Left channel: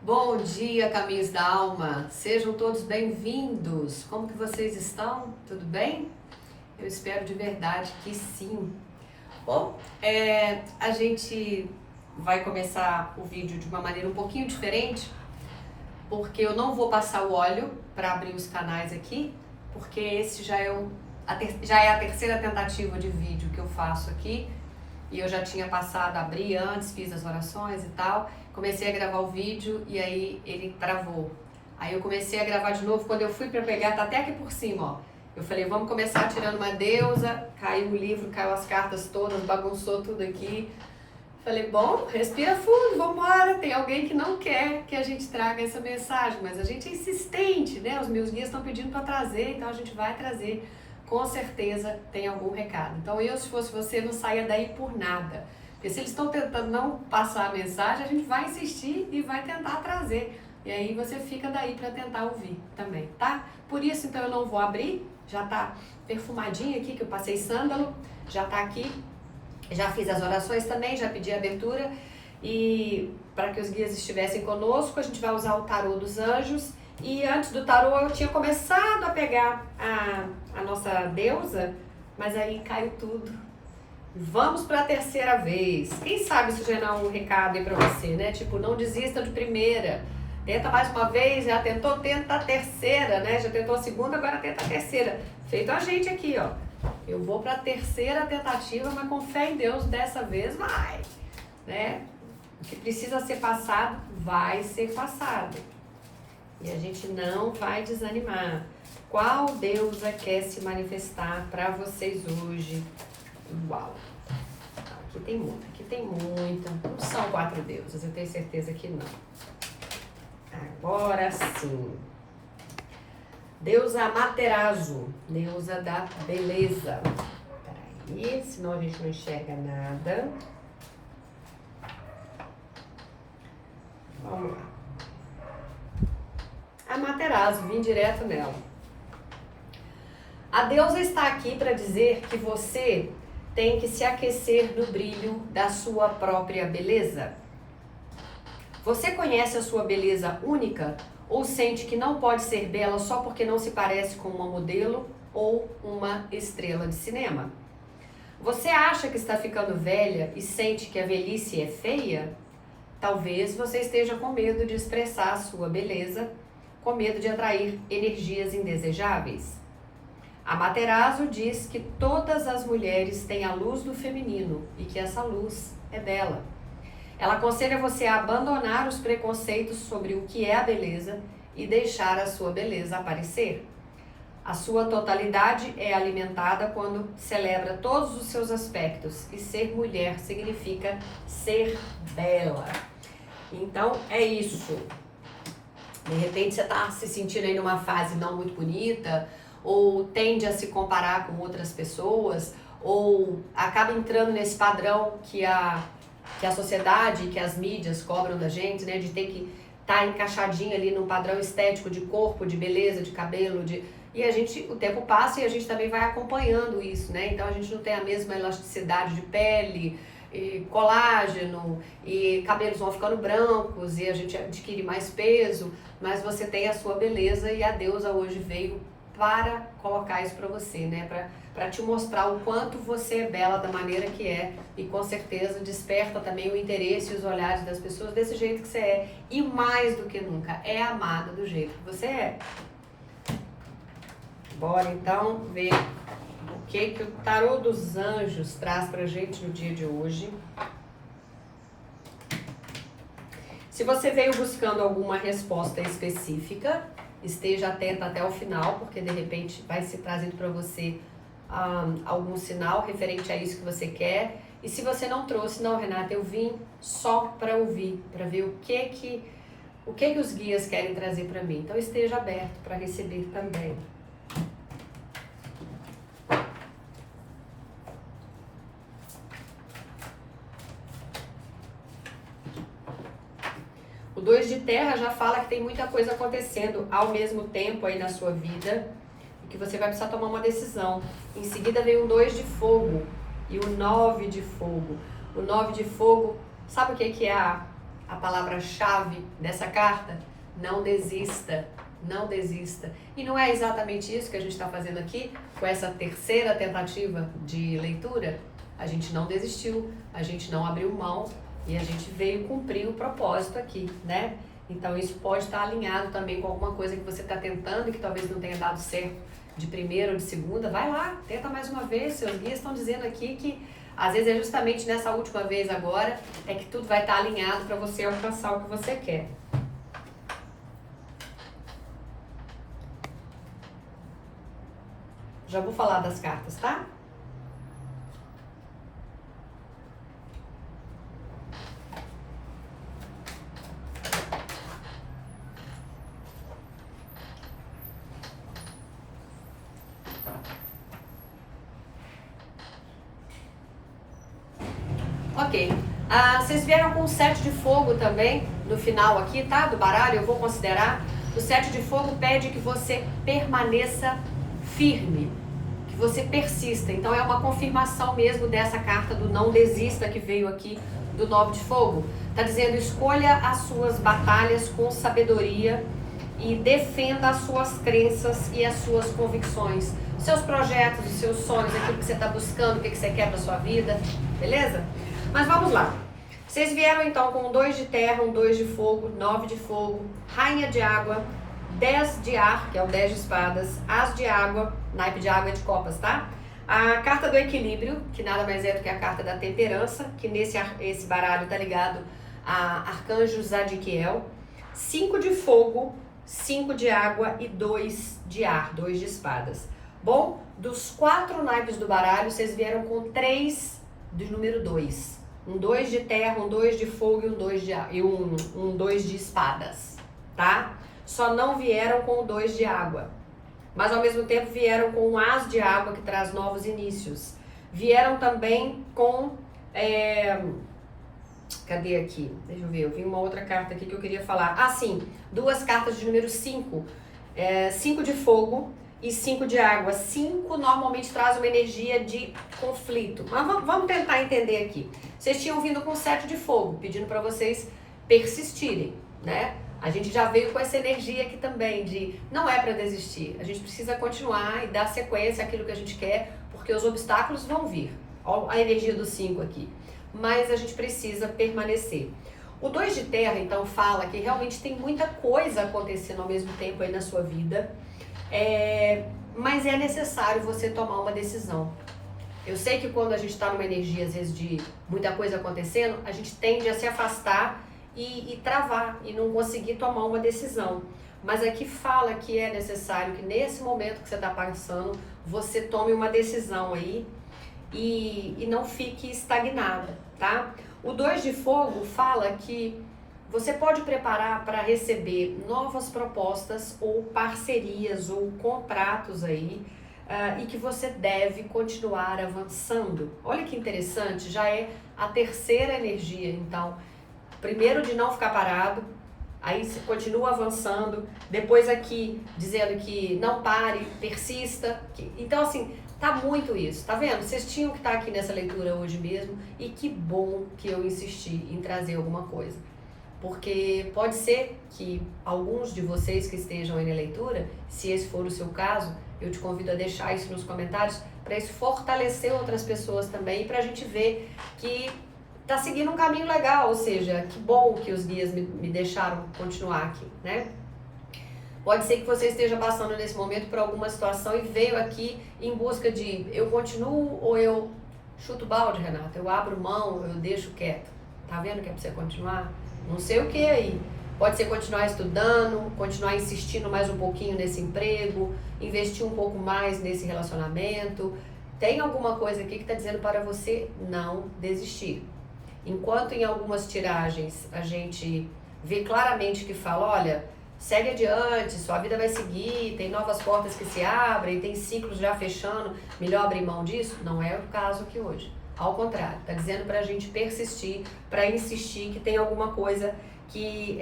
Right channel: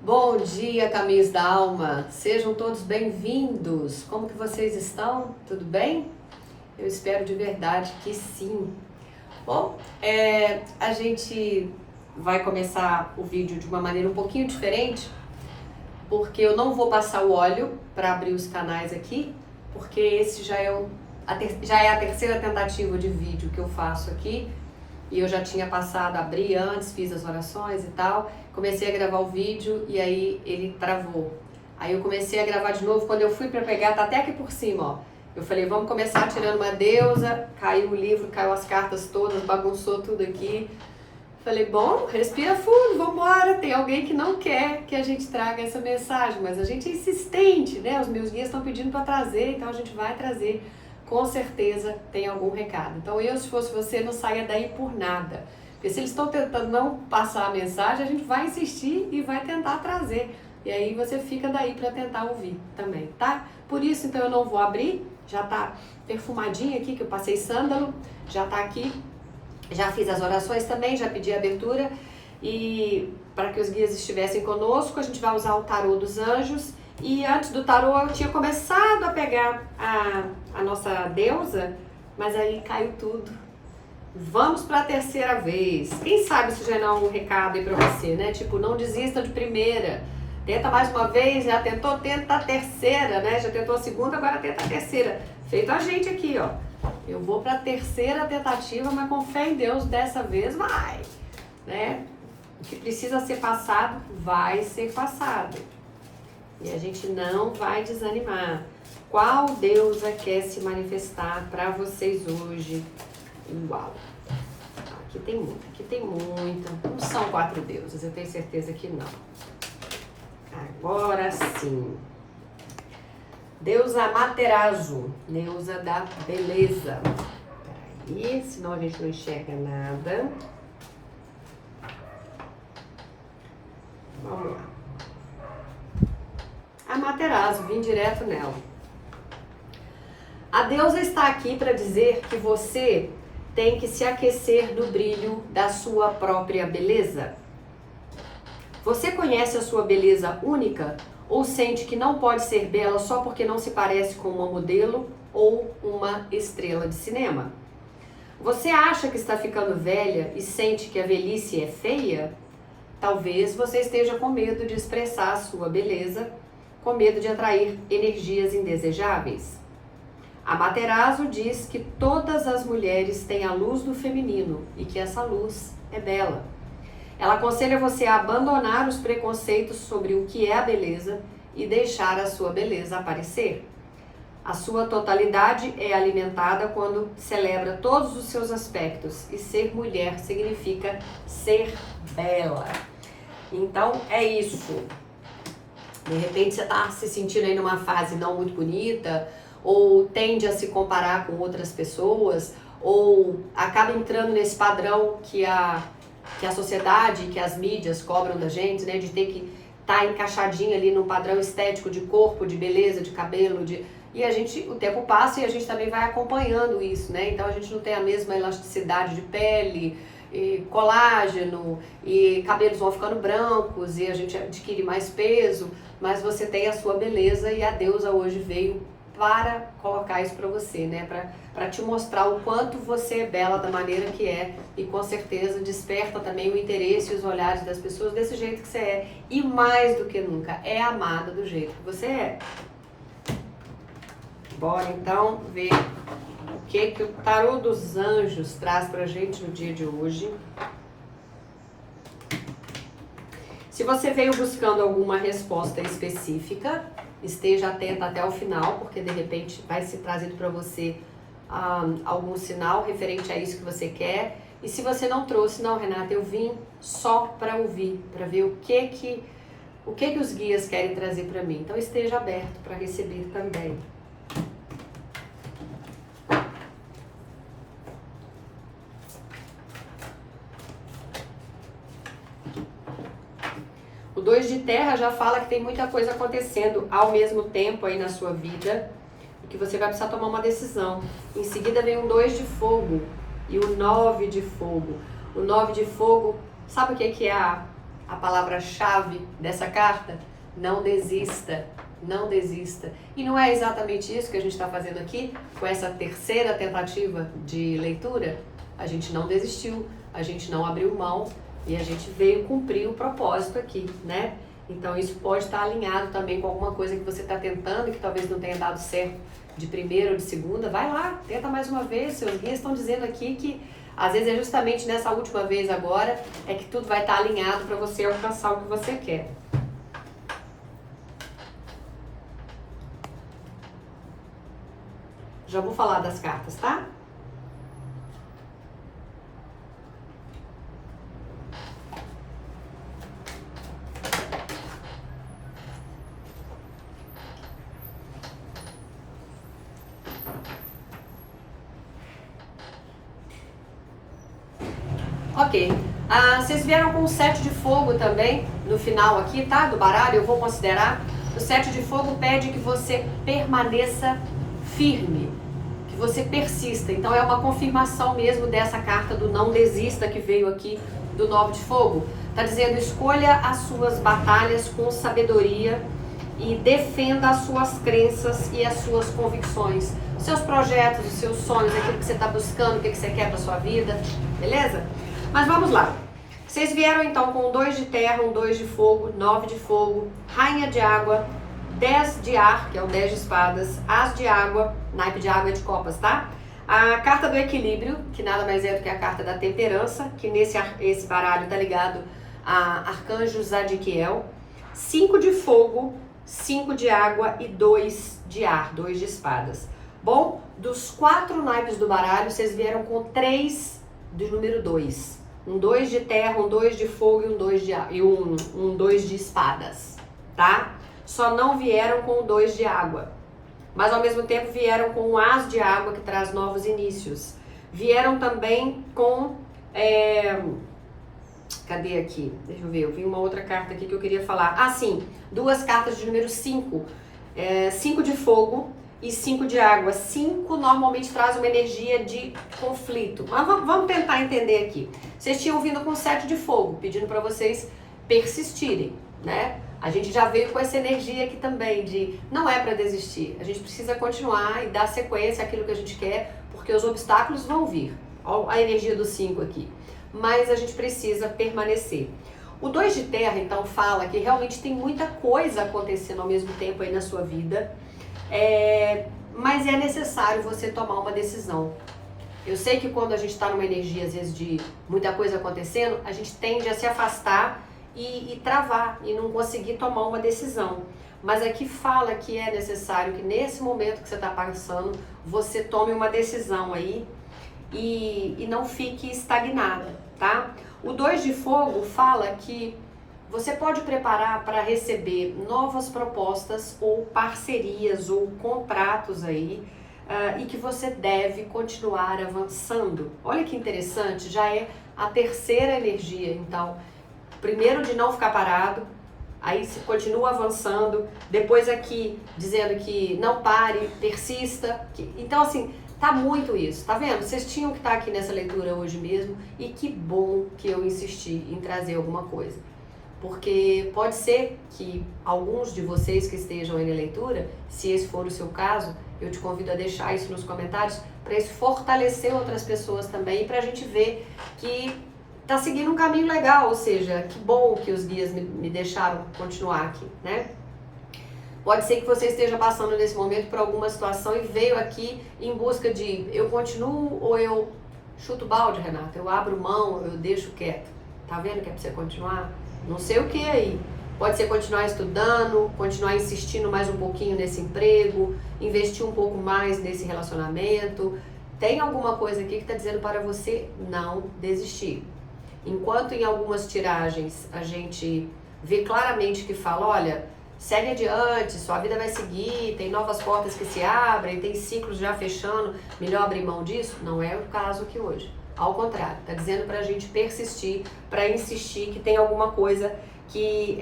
Bom dia, Caminhos da Alma. Sejam todos bem-vindos. Como que vocês estão? Tudo bem? Eu espero de verdade que sim. Bom, a gente vai começar o vídeo de uma maneira um pouquinho diferente, porque eu não vou passar o óleo para abrir os canais aqui, porque esse já é a terceira tentativa de vídeo que eu faço aqui. E eu já tinha passado, abri antes, fiz as orações e tal, comecei a gravar o vídeo e aí ele travou. Aí eu comecei a gravar de novo, quando eu fui para pegar, tá até aqui por cima, ó. Eu falei, vamos começar tirando uma deusa, caiu o livro, caiu as cartas todas, bagunçou tudo aqui. Falei, bom, respira fundo, vambora, tem alguém que não quer que a gente traga essa mensagem, mas a gente é insistente, né? Os meus guias estão pedindo para trazer, então a gente vai trazer. Com certeza tem algum recado. Então eu, se fosse você, não saia daí por nada. Porque se eles estão tentando não passar a mensagem, a gente vai insistir e vai tentar trazer. E aí você fica daí para tentar ouvir também, tá? Por isso, então, eu não vou abrir. Já tá perfumadinho aqui, que eu passei sândalo. Já tá aqui. Já fiz as orações também, já pedi a abertura. E para que os guias estivessem conosco, a gente vai usar o tarô dos anjos. E antes do tarô eu tinha começado a pegar a nossa deusa, mas aí caiu tudo. Vamos para a terceira vez. Quem sabe isso já não é um recado aí para você, né? Tipo, não desista de primeira. Tenta mais uma vez, já tentou, tenta a terceira, né? Já tentou a segunda, agora tenta a terceira. Feito a gente aqui, ó. Eu vou para a terceira tentativa, mas com fé em Deus, dessa vez vai, né? O que precisa ser passado, vai ser passado. E a gente não vai desanimar. Qual deusa quer se manifestar para vocês hoje? Igual. Aqui tem muita. Não são 4 deusas, eu tenho certeza que não. Agora sim. Deusa Amaterasu, deusa da beleza. Peraí, senão a gente não enxerga nada. Vamos lá. Amaterasu, vim direto nela. A deusa está aqui para dizer que você tem que se aquecer no brilho da sua própria beleza. Você conhece a sua beleza única ou sente que não pode ser bela só porque não se parece com uma modelo ou uma estrela de cinema? Você acha que está ficando velha e sente que a velhice é feia? Talvez você esteja com medo de expressar a sua beleza, com medo de atrair energias indesejáveis. Amaterasu diz que todas as mulheres têm a luz do feminino e que essa luz é bela. Ela aconselha você a abandonar os preconceitos sobre o que é a beleza e deixar a sua beleza aparecer. A sua totalidade é alimentada quando celebra todos os seus aspectos, e ser mulher significa ser bela. Então é isso. De repente você está se sentindo aí numa fase não muito bonita, ou tende a se comparar com outras pessoas, ou acaba entrando nesse padrão que a sociedade, que as mídias cobram da gente, né? De ter que estar encaixadinha ali num padrão estético de corpo, de beleza, de cabelo, E o tempo passa e a gente também vai acompanhando isso, né? Então a gente não tem a mesma elasticidade de pele, e colágeno, e cabelos vão ficando brancos, e a gente adquire mais peso, mas você tem a sua beleza e a deusa hoje veio para colocar isso para você, né? Para te mostrar o quanto você é bela da maneira que é, e com certeza desperta também o interesse e os olhares das pessoas desse jeito que você é, e mais do que nunca, é amada do jeito que você é. Bora então ver o que o tarô dos anjos traz pra gente no dia de hoje. Se você veio buscando alguma resposta específica, esteja atenta até o final, porque de repente vai ser trazido para você algum sinal referente a isso que você quer. E se você não trouxe, não, Renata, eu vim só para ouvir, para ver o que os guias querem trazer para mim. Então esteja aberto para receber também. O 2 de terra já fala que tem muita coisa acontecendo ao mesmo tempo aí na sua vida, e que você vai precisar tomar uma decisão. Em seguida vem um 2 de fogo e o 9 de fogo. O 9 de fogo, sabe o que é a palavra-chave dessa carta? Não desista, não desista. E não é exatamente isso que a gente está fazendo aqui, com essa terceira tentativa de leitura? A gente não desistiu, a gente não abriu mão e a gente veio cumprir o propósito aqui, né? Então isso pode estar alinhado também com alguma coisa que você está tentando e que talvez não tenha dado certo de primeira ou de segunda. Vai lá, tenta mais uma vez. Seus guias estão dizendo aqui que às vezes é justamente nessa última vez agora é que tudo vai estar alinhado para você alcançar o que você quer. Já vou falar das cartas, tá? Ok. Vocês vieram com o 7 de fogo também, no final aqui, tá? Do baralho, eu vou considerar. O 7 de fogo pede que você permaneça firme, que você persista. Então é uma confirmação mesmo dessa carta do não desista que veio aqui do 9 de fogo. Tá dizendo, escolha as suas batalhas com sabedoria e defenda as suas crenças e as suas convicções. Os seus projetos, os seus sonhos, aquilo que você está buscando, o que você quer para sua vida, beleza? Mas vamos lá. Vocês vieram então com um 2 de terra, um 2 de fogo, 9 de fogo, rainha de água, 10 de ar, que é o 10 de espadas, as de água, naipe de água e de copas, tá? A carta do equilíbrio, que nada mais é do que a carta da temperança, que esse baralho tá ligado a arcanjo Zadkiel, 5 de fogo, 5 de água e 2 de ar, 2 de espadas. Bom, dos 4 naipes do baralho, vocês vieram com 3 do número 2. Um 2 de terra, um 2 de fogo e um 2 de, um 2 de espadas, tá? Só não vieram com o 2 de água. Mas ao mesmo tempo vieram com o as de água, que traz novos inícios. Vieram também com... cadê aqui? Deixa eu ver, eu vi uma outra carta aqui que eu queria falar. Ah, sim, 2 cartas de número 5. 5 de fogo e 5 de água. 5 normalmente traz uma energia de conflito. Mas vamos tentar entender aqui. Vocês tinham vindo com 7 de fogo, pedindo para vocês persistirem, né? A gente já veio com essa energia aqui também de não é para desistir. A gente precisa continuar e dar sequência àquilo que a gente quer, porque os obstáculos vão vir. Olha a energia do 5 aqui. Mas a gente precisa permanecer. O 2 de terra, então, fala que realmente tem muita coisa acontecendo ao mesmo tempo aí na sua vida. Mas é necessário você tomar uma decisão. Eu sei que quando a gente está numa energia, às vezes, de muita coisa acontecendo, a gente tende a se afastar e travar e não conseguir tomar uma decisão. Mas aqui fala que é necessário que nesse momento que você está passando, você tome uma decisão aí e não fique estagnada, tá? O 2 de fogo fala que você pode preparar para receber novas propostas ou parcerias ou contratos aí e que você deve continuar avançando. Olha que interessante, já é a terceira energia, então, primeiro de não ficar parado, aí você continua avançando, depois aqui dizendo que não pare, persista, então assim, tá muito isso, tá vendo? Vocês tinham que estar aqui nessa leitura hoje mesmo e que bom que eu insisti em trazer alguma coisa. Porque pode ser que alguns de vocês que estejam aí na leitura, se esse for o seu caso, eu te convido a deixar isso nos comentários para isso fortalecer outras pessoas também e para a gente ver que tá seguindo um caminho legal, ou seja, que bom que os guias me deixaram continuar aqui, né? Pode ser que você esteja passando nesse momento por alguma situação e veio aqui em busca de eu continuo ou eu chuto o balde, Renata, eu abro mão, eu deixo quieto. Tá vendo que é para você continuar? Não sei o que aí. Pode ser continuar estudando, continuar insistindo mais um pouquinho nesse emprego, investir um pouco mais nesse relacionamento. Tem alguma coisa aqui que está dizendo para você não desistir. Enquanto em algumas tiragens a gente vê claramente que fala, olha, segue adiante, sua vida vai seguir, tem novas portas que se abrem, tem ciclos já fechando, melhor abrir mão disso? Não é o caso aqui hoje. Ao contrário, está dizendo para a gente persistir, para insistir que tem alguma coisa que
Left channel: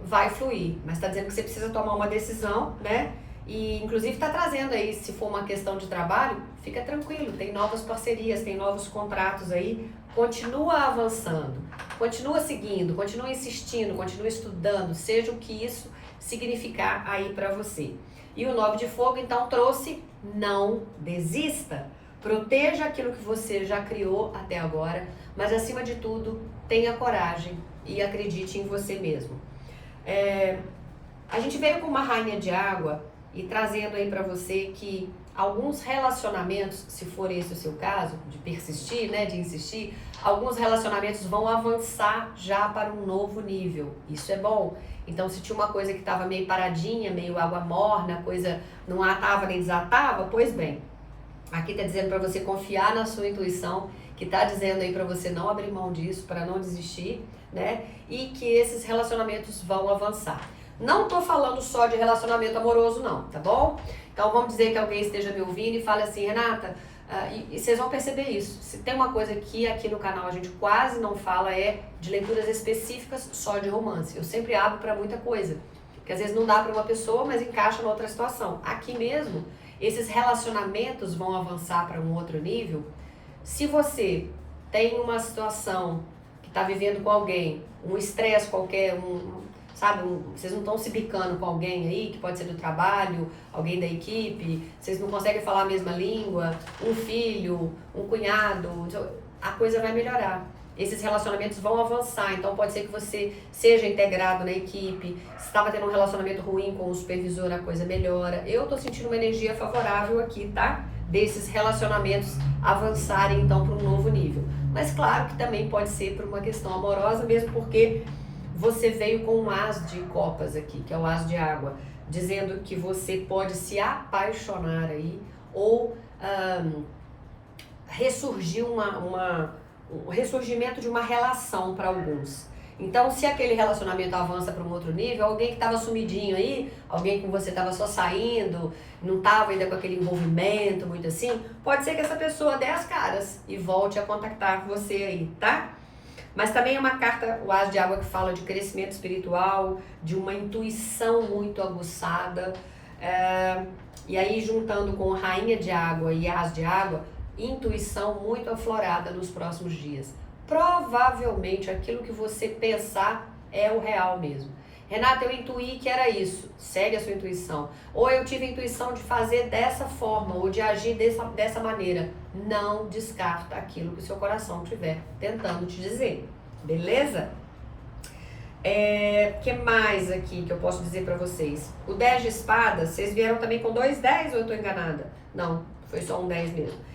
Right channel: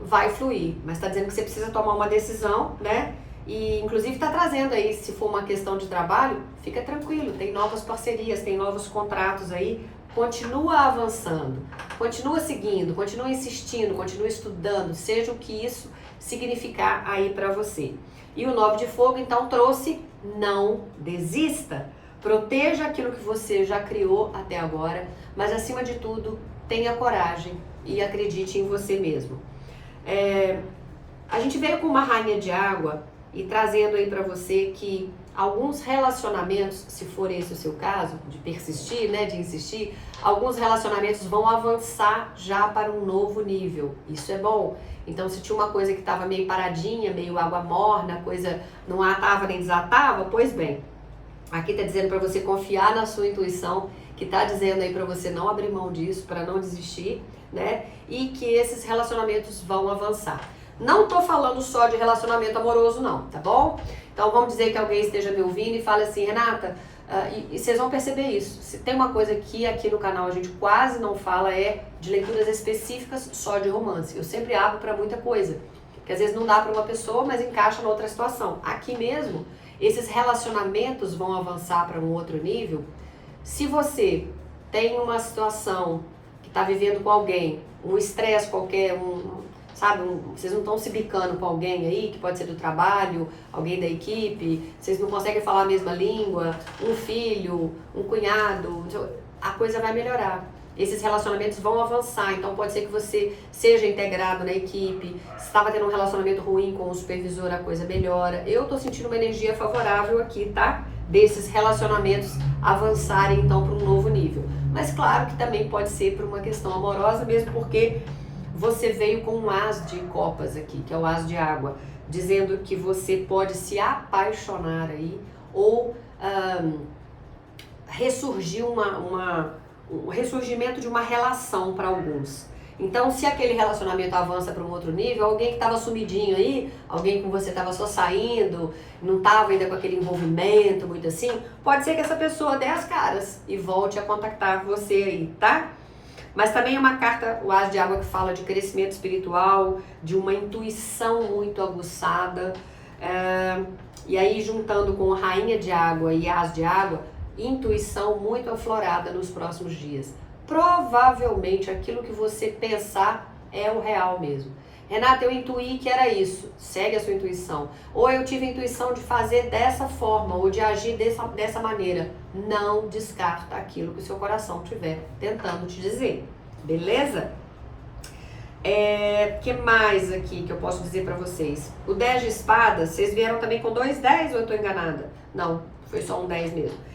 vai fluir, mas está dizendo que você precisa tomar uma decisão, né? E inclusive está trazendo aí, se for uma questão de trabalho, fica tranquilo, tem novas parcerias, tem novos contratos aí continua avançando, continua seguindo, continua insistindo, continua estudando, seja o que isso significar aí para você. E o 9 de fogo, então, trouxe não desista. Proteja aquilo que você já criou até agora, mas acima de tudo, tenha coragem e acredite em você mesmo. A gente veio com uma rainha de água e trazendo aí para você que alguns relacionamentos, se for esse o seu caso, de persistir, né, de insistir, alguns relacionamentos vão avançar já para um novo nível. Isso é bom. Então, se tinha uma coisa que estava meio paradinha, meio água morna, a coisa não atava nem desatava, pois bem, aqui está dizendo para você confiar na sua intuição, que está dizendo aí para você não abrir mão disso, para não desistir, né? E que esses relacionamentos vão avançar. Não tô falando só de relacionamento amoroso não, tá bom? Então vamos dizer que alguém esteja me ouvindo e fale assim, Renata, e vocês vão perceber isso. Se tem uma coisa que aqui no canal a gente quase não fala é de leituras específicas só de romance. Eu sempre abro para muita coisa, porque às vezes não dá para uma pessoa, mas encaixa na outra situação. Aqui mesmo, esses relacionamentos vão avançar para um outro nível. Se você tem uma situação que está vivendo com alguém, um estresse qualquer, sabe, vocês não estão se bicando com alguém aí, que pode ser do trabalho, alguém da equipe, vocês não conseguem falar a mesma língua, um filho, um cunhado, a coisa vai melhorar. Esses relacionamentos vão avançar, então pode ser que você seja integrado na equipe, se estava tendo um relacionamento ruim com o supervisor, a coisa melhora. Eu tô sentindo uma energia favorável aqui, tá? Desses relacionamentos avançarem então para um novo nível. Mas claro que também pode ser por uma questão amorosa, mesmo porque você veio com um as de copas aqui, que é o as de água, dizendo que você pode se apaixonar aí ou ressurgir o ressurgimento de uma relação para alguns. Então, se aquele relacionamento avança para um outro nível, alguém que estava sumidinho aí, alguém com você estava só saindo, não estava ainda com aquele envolvimento muito assim, pode ser que essa pessoa dê as caras e volte a contactar você aí, tá? Mas também é uma carta, o as de água, que fala de crescimento espiritual, de uma intuição muito aguçada. E aí, juntando com rainha de água e as de água, intuição muito aflorada nos próximos dias. Provavelmente aquilo que você pensar é o real mesmo. Renata, eu intuí que era isso. Segue a sua intuição. Ou eu tive a intuição de fazer dessa forma, ou de agir dessa maneira. Não descarta aquilo que o seu coração estiver tentando te dizer. Beleza? Que mais aqui que eu posso dizer pra vocês? O 10 de espadas, vocês vieram também com 2 10 ou eu tô enganada? Não, foi só um 10 mesmo.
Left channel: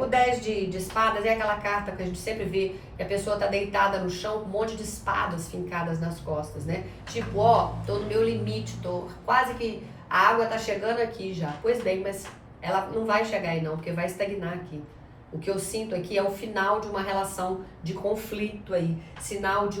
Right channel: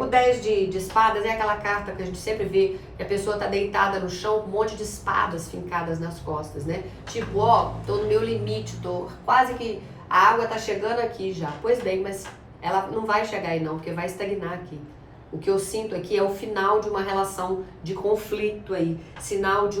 O 10 de espadas é aquela carta que a gente sempre vê que a pessoa tá deitada no chão com um monte de espadas fincadas nas costas, né? Tipo, ó, tô no meu limite, tô quase que a água tá chegando aqui já. Pois bem, mas ela não vai chegar aí não, porque vai estagnar aqui. O que eu sinto aqui é o final de uma relação de conflito aí, final de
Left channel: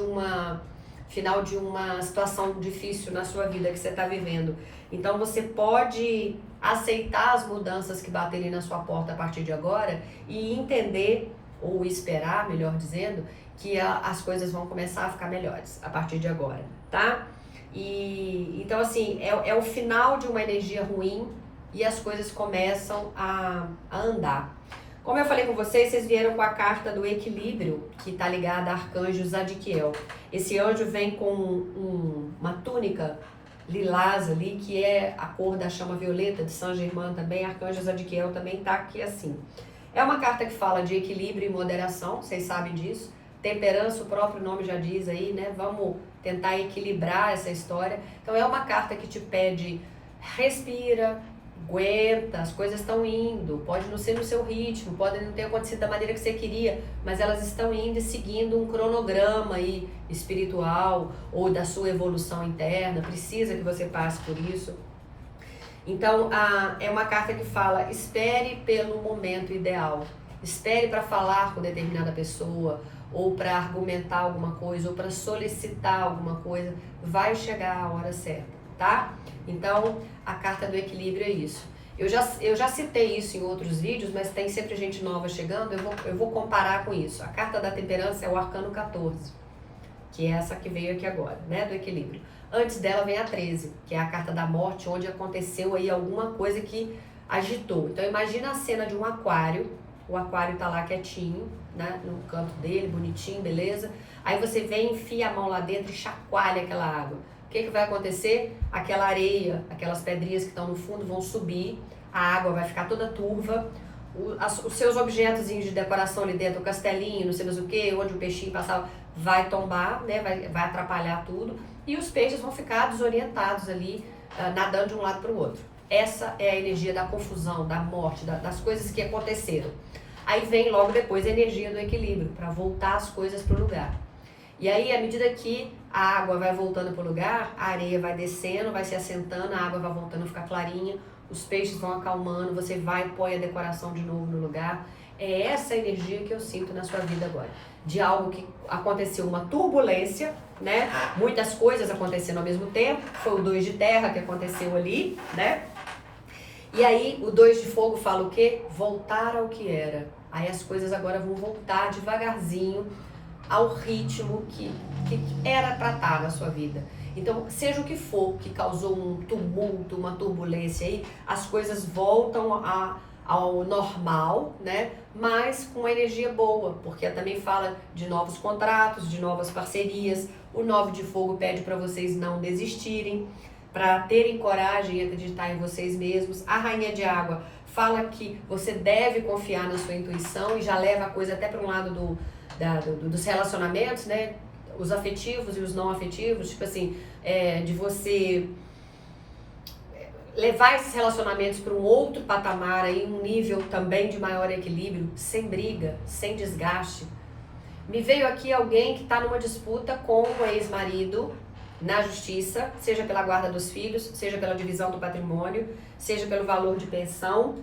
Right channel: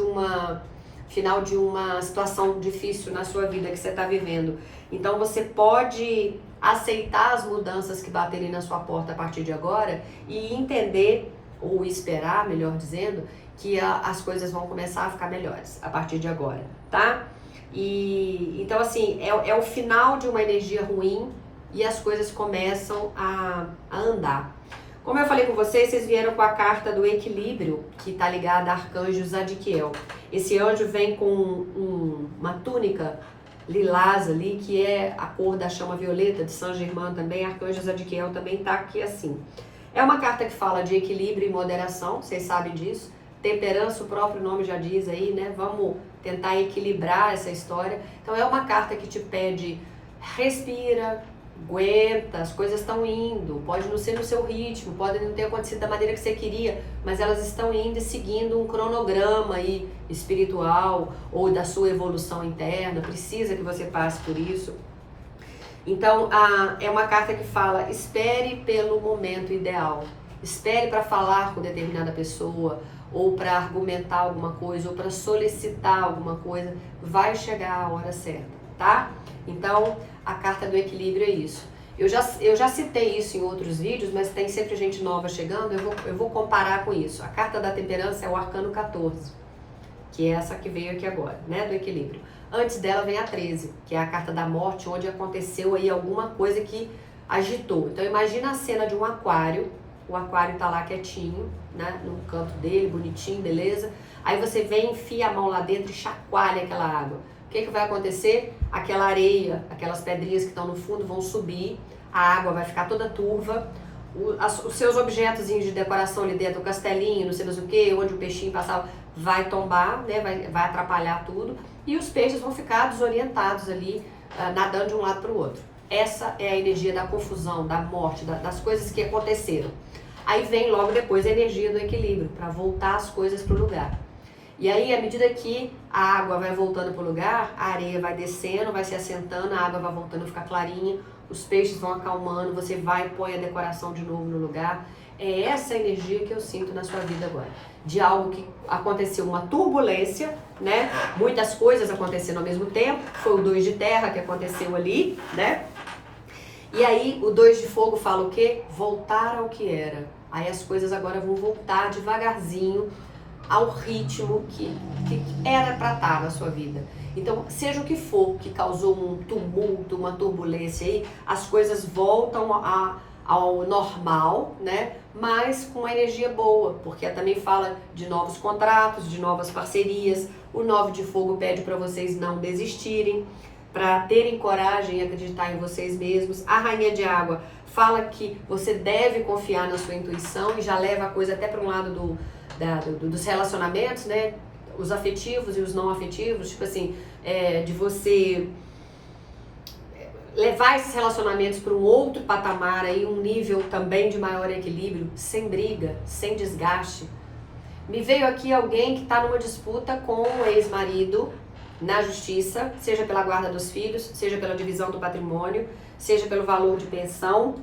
uma situação difícil na sua vida que você tá vivendo. Então você pode aceitar as mudanças que baterem na sua porta a partir de agora e entender, ou esperar, melhor dizendo, que as coisas vão começar a ficar melhores a partir de agora, tá? Então assim, é o final de uma energia ruim e as coisas começam a andar. Como eu falei com vocês, vocês vieram com a carta do equilíbrio, que está ligada a arcanjo Zadkiel. Esse anjo vem com uma túnica lilás ali, que é a cor da chama violeta de Saint Germain também. Arcanjo Zadkiel também está aqui assim. É uma carta que fala de equilíbrio e moderação, vocês sabem disso. Temperança, o próprio nome já diz aí, né? Vamos tentar equilibrar essa história. Então é uma carta que te pede, respira, aguenta, as coisas estão indo, pode não ser no seu ritmo, pode não ter acontecido da maneira que você queria, mas elas estão indo e seguindo um cronograma aí espiritual ou da sua evolução interna, precisa que você passe por isso. Então, é uma carta que fala, espere pelo momento ideal, espere para falar com determinada pessoa, ou para argumentar alguma coisa, ou para solicitar alguma coisa, vai chegar a hora certa, tá? Então, a carta do equilíbrio é isso. Eu já citei isso em outros vídeos, mas tem sempre gente nova chegando, eu vou comparar com isso. A carta da temperança é o arcano 14, que é essa que veio aqui agora, né, do equilíbrio. Antes dela vem a 13, que é a carta da morte, onde aconteceu aí alguma coisa que agitou. Então imagina a cena de um aquário o aquário tá lá quietinho, né, no canto dele, bonitinho, beleza? Aí você vem, enfia a mão lá dentro e chacoalha aquela água. O que vai acontecer? Aquela areia, aquelas pedrinhas que estão no fundo vão subir, a água vai ficar toda turva, os seus objetos de decoração ali dentro, o castelinho, não sei mais o que, onde o peixinho passava, vai tombar, né, vai atrapalhar tudo, e os peixes vão ficar desorientados ali, nadando de um lado para o outro. Essa é a energia da confusão, da morte, das coisas que aconteceram. Aí vem logo depois a energia do equilíbrio, para voltar as coisas para o lugar. E aí, à medida que a água vai voltando para o lugar, a areia vai descendo, vai se assentando, a água vai voltando a ficar clarinha, os peixes vão acalmando, você vai e põe a decoração de novo no lugar. É essa energia que eu sinto na sua vida agora. De algo que aconteceu, uma turbulência, né? Muitas coisas acontecendo ao mesmo tempo. Foi o 2 de terra que aconteceu ali, né? E aí, o 2 de fogo fala o quê? Voltar ao que era. Aí as coisas agora vão voltar devagarzinho ao ritmo que era para estar na sua vida. Então, seja o que for que causou um tumulto, uma turbulência aí, as coisas voltam ao normal, né? Mas com uma energia boa, porque também fala de novos contratos, de novas parcerias. O 9 de fogo pede para vocês não desistirem, para terem coragem e acreditar em vocês mesmos. A rainha de água fala que você deve confiar na sua intuição e já leva a coisa até para um lado dos relacionamentos, né? Os afetivos e os não afetivos, tipo assim, de você levar esses relacionamentos para um outro patamar, aí, um nível também de maior equilíbrio, sem briga, sem desgaste. Me veio aqui alguém que está numa disputa com o ex-marido na justiça, seja pela guarda dos filhos, seja pela divisão do patrimônio, seja pelo valor de pensão.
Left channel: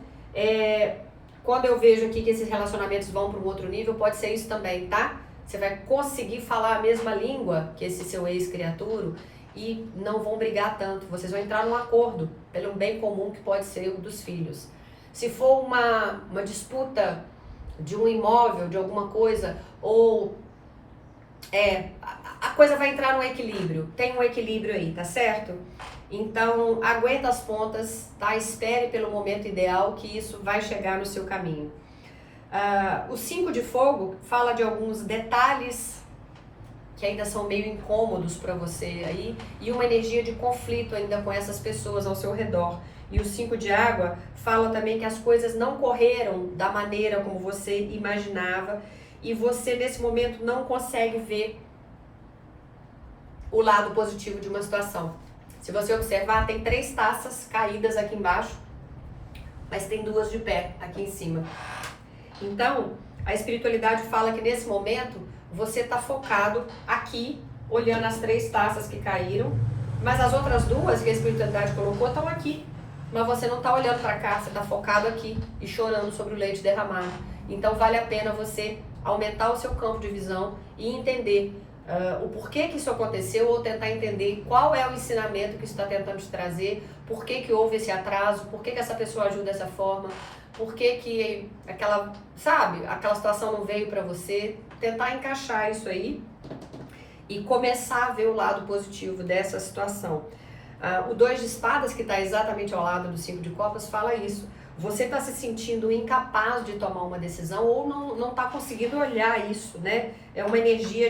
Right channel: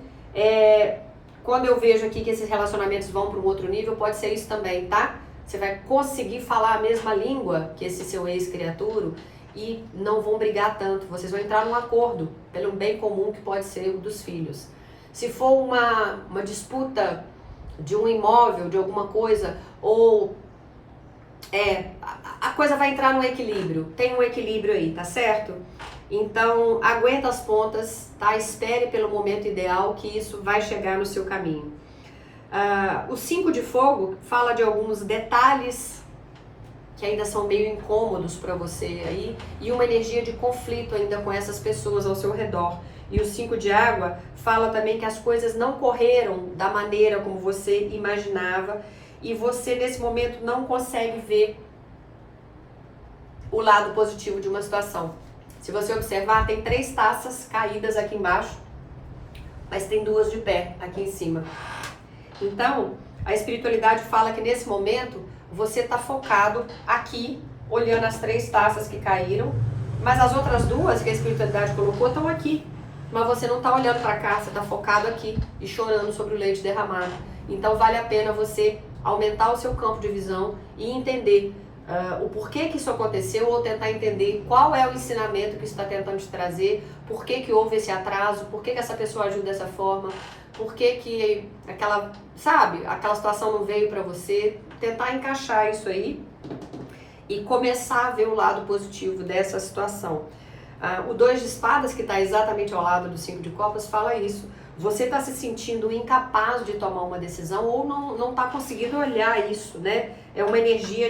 Quando eu vejo aqui que esses relacionamentos vão para um outro nível, pode ser isso também, tá? Você vai conseguir falar a mesma língua que esse seu ex-criatura e não vão brigar tanto. Vocês vão entrar num acordo pelo bem comum que pode ser o dos filhos. Se for uma disputa de um imóvel, de alguma coisa, ou a coisa vai entrar no equilíbrio. Tem um equilíbrio aí, tá certo? Então, aguenta as pontas, tá? Espere pelo momento ideal que isso vai chegar no seu caminho. O 5 de fogo fala de alguns detalhes que ainda são meio incômodos para você aí e uma energia de conflito ainda com essas pessoas ao seu redor. E o 5 de água fala também que as coisas não correram da maneira como você imaginava e você nesse momento não consegue ver o lado positivo de uma situação. Se você observar, tem 3 taças caídas aqui embaixo, mas tem 2 de pé aqui em cima. Então, a espiritualidade fala que nesse momento você está focado aqui, olhando as 3 taças que caíram, mas as outras 2 que a espiritualidade colocou estão aqui. Mas você não está olhando para cá, você está focado aqui e chorando sobre o leite derramado. Então vale a pena você aumentar o seu campo de visão e entender o porquê que isso aconteceu ou tentar entender qual é o ensinamento que está tentando te trazer, por que houve esse atraso, por que essa pessoa agiu dessa forma, por que aquela situação não veio para você, tentar encaixar isso aí e começar a ver o lado positivo dessa situação. O 2 de espadas, que está exatamente ao lado do 5 de copas, fala isso. Você está se sentindo incapaz de tomar uma decisão ou não está conseguindo olhar isso, né? É uma energia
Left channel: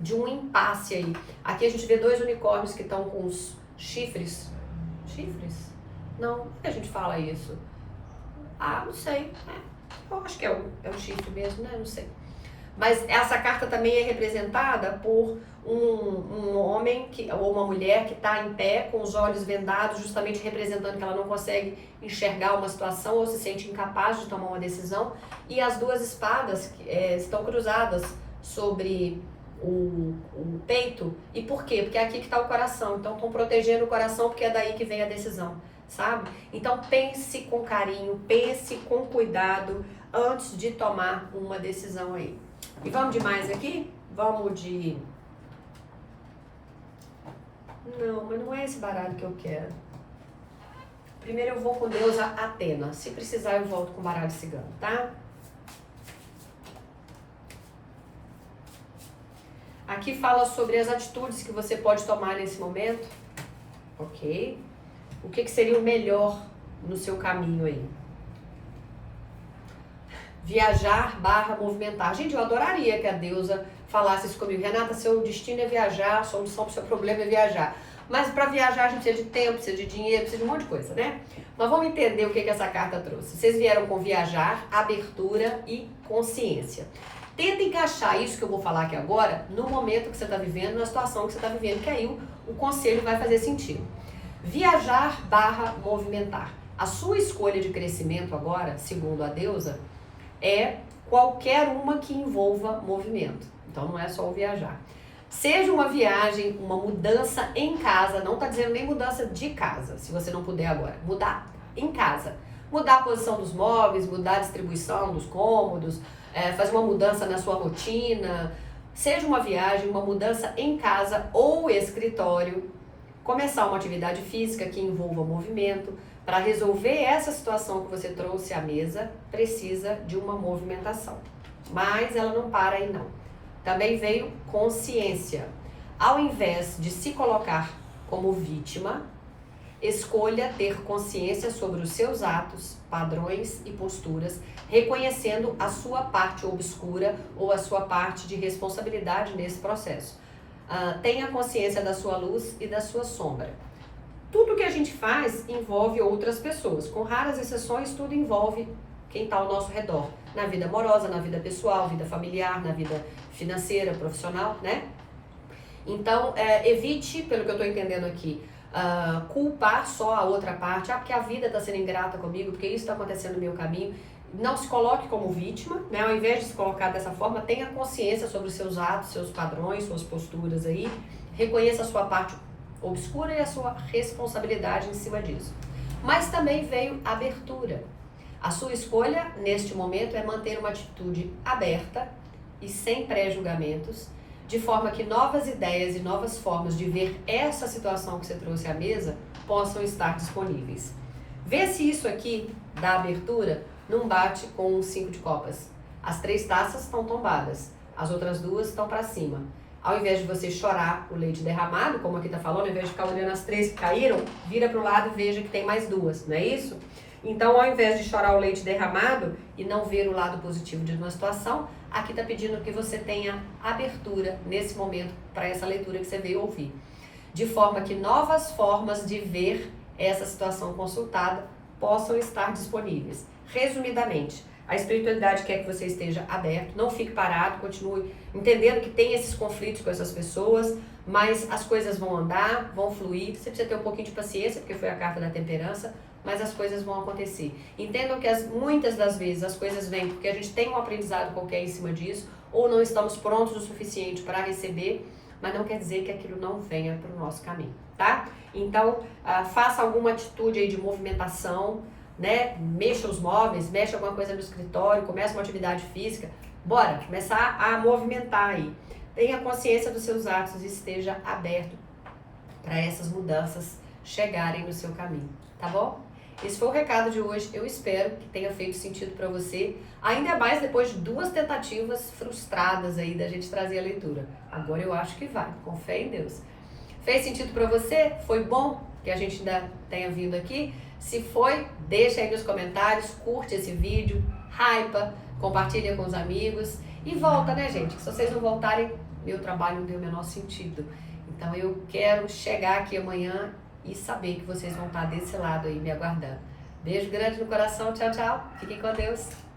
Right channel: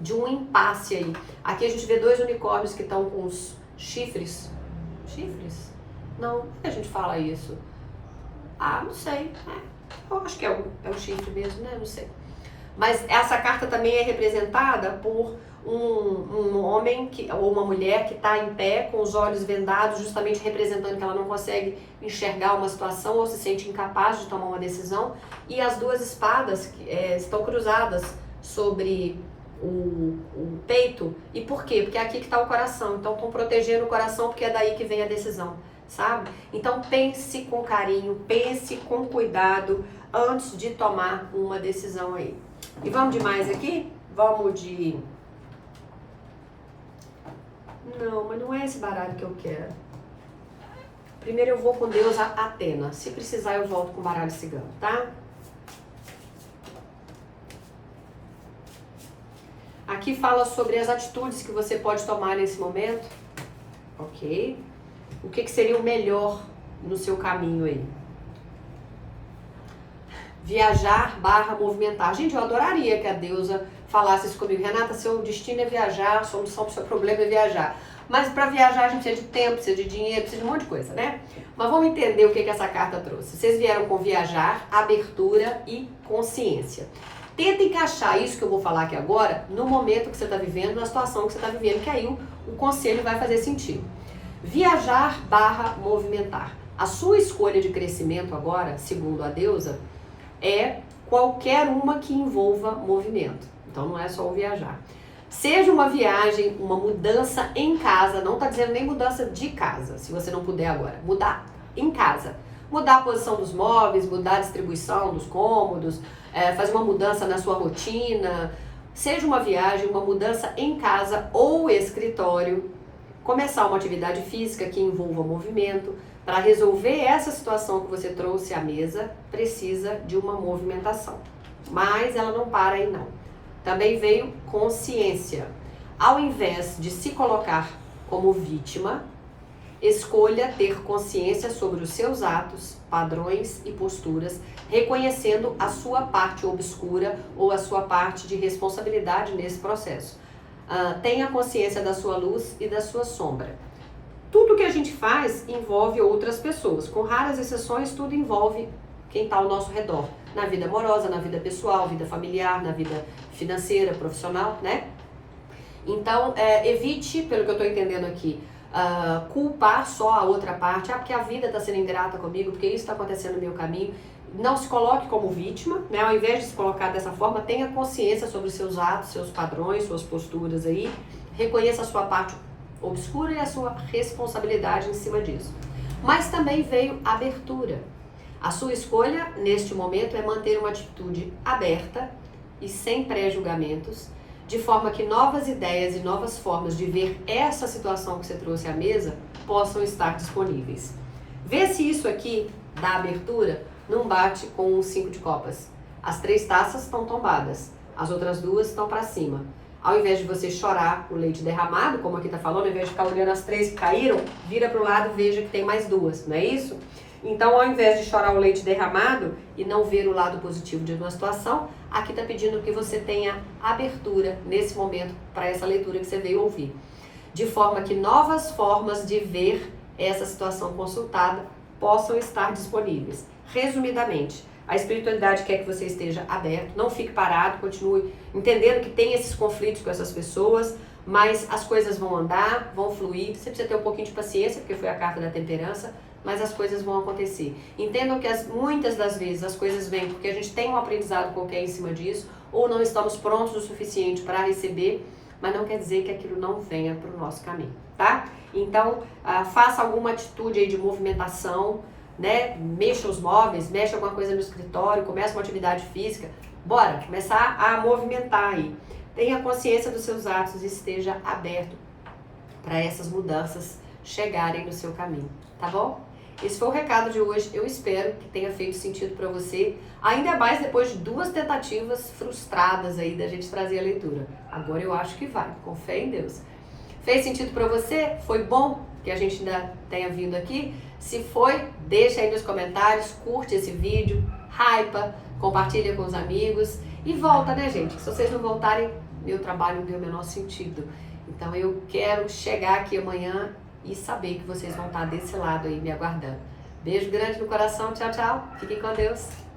de um impasse aí. Aqui a gente vê 2 unicórnios que estão com os chifres. Chifres? Não, por que a gente fala isso? Não sei. Eu acho que é um chifre mesmo, né? Não sei. Mas essa carta também é representada por um homem ou uma mulher que está em pé com os olhos vendados, justamente representando que ela não consegue enxergar uma situação ou se sente incapaz de tomar uma decisão. E as 2 espadas estão cruzadas sobre o peito. E por quê? Porque é aqui que está o coração. Então estão protegendo o coração porque é daí que vem a decisão, sabe? Então pense com carinho, pense com cuidado antes de tomar uma decisão aí. E vamos de mais aqui? Vamos de... Não, mas não é esse baralho que eu quero. Primeiro eu vou com deusa Atena. Se precisar eu volto com baralho cigano, tá? Aqui fala sobre as atitudes que você pode tomar nesse momento. Ok. O que seria o melhor no seu caminho aí? Viajar barra movimentar. Gente, eu adoraria que a deusa falasse isso comigo. Renata, seu destino é viajar, a solução para o seu problema é viajar. Mas para viajar a gente precisa de tempo, precisa de dinheiro, precisa de um monte de coisa, né? Mas vamos entender o que essa carta trouxe. Vocês vieram com viajar, abertura e consciência. Tenta encaixar isso que eu vou falar aqui agora no momento que você está vivendo, na situação que você está vivendo, que aí o conselho vai fazer sentido. Viajar barra movimentar. A sua escolha de crescimento agora, segundo a deusa, é qualquer uma que envolva movimento. Então não é só o viajar. Seja uma viagem, uma mudança em casa, não está dizendo nem mudança de casa, se você não puder agora. Mudar em casa. Mudar a posição dos móveis, mudar a distribuição dos cômodos, fazer uma mudança na sua rotina. Seja uma viagem, uma mudança em casa ou escritório. Começar uma atividade física que envolva movimento. Para resolver essa situação que você trouxe à mesa, precisa de uma movimentação. Mas ela não para aí não. Também veio consciência. Ao invés de se colocar como vítima, escolha ter consciência sobre os seus atos, padrões e posturas, reconhecendo a sua parte obscura ou a sua parte de responsabilidade nesse processo. Tenha consciência da sua luz e da sua sombra. Tudo que a gente faz envolve outras pessoas. Com raras exceções, tudo envolve quem está ao nosso redor. Na vida amorosa, na vida pessoal, vida familiar, na vida financeira, profissional, né? Então, evite, pelo que eu estou entendendo aqui, culpar só a outra parte. Porque a vida está sendo ingrata comigo, porque isso está acontecendo no meu caminho. Não se coloque como vítima, né? Ao invés de se colocar dessa forma, tenha consciência sobre os seus atos, seus padrões, suas posturas aí. Reconheça a sua parte obscura e a sua responsabilidade em cima disso. Mas também veio abertura. A sua escolha, neste momento, é manter uma atitude aberta e sem pré-julgamentos, de forma que novas ideias e novas formas de ver essa situação que você trouxe à mesa possam estar disponíveis. Vê se isso aqui, da abertura, não bate com um 5 de copas. As 3 taças estão tombadas, as outras 2 estão para cima. Ao invés de você chorar o leite derramado, como aqui está falando, ao invés de ficar olhando as 3 que caíram, vira para o lado e veja que tem mais 2, não é isso? Então, ao invés de chorar o leite derramado e não ver o lado positivo de uma situação, aqui está pedindo que você tenha abertura nesse momento para essa leitura que você veio ouvir. De forma que novas formas de ver essa situação consultada possam estar disponíveis. Resumidamente, a espiritualidade quer que você esteja aberto, não fique parado, continue entendendo que tem esses conflitos com essas pessoas, mas as coisas vão andar, vão fluir. Você precisa ter um pouquinho de paciência, porque foi a carta da temperança, mas as coisas vão acontecer. Entendam que muitas das vezes as coisas vêm porque a gente tem um aprendizado qualquer em cima disso, ou não estamos prontos o suficiente para receber, mas não quer dizer que aquilo não venha para o nosso caminho, tá? Então, faça alguma atitude aí de movimentação, né? Mexa os móveis, mexa alguma coisa no escritório, começa uma atividade física. Bora, começar a movimentar aí. Tenha consciência dos seus atos e esteja aberto para essas mudanças chegarem no seu caminho, tá bom? Esse foi o recado de hoje. Eu espero que tenha feito sentido para você, ainda mais depois de 2 tentativas frustradas aí da gente trazer a leitura. Agora eu acho que vai, com fé em Deus. Fez sentido para você? Foi bom que a gente ainda tenha vindo aqui? Se foi, deixa aí nos comentários, curte esse vídeo, hypa, compartilha com os amigos e volta, né, gente? Se vocês não voltarem, meu trabalho não tem o menor sentido. Então eu quero chegar aqui amanhã e saber que vocês vão estar desse lado aí me aguardando. Beijo grande no coração, tchau, tchau. Fiquem com Deus.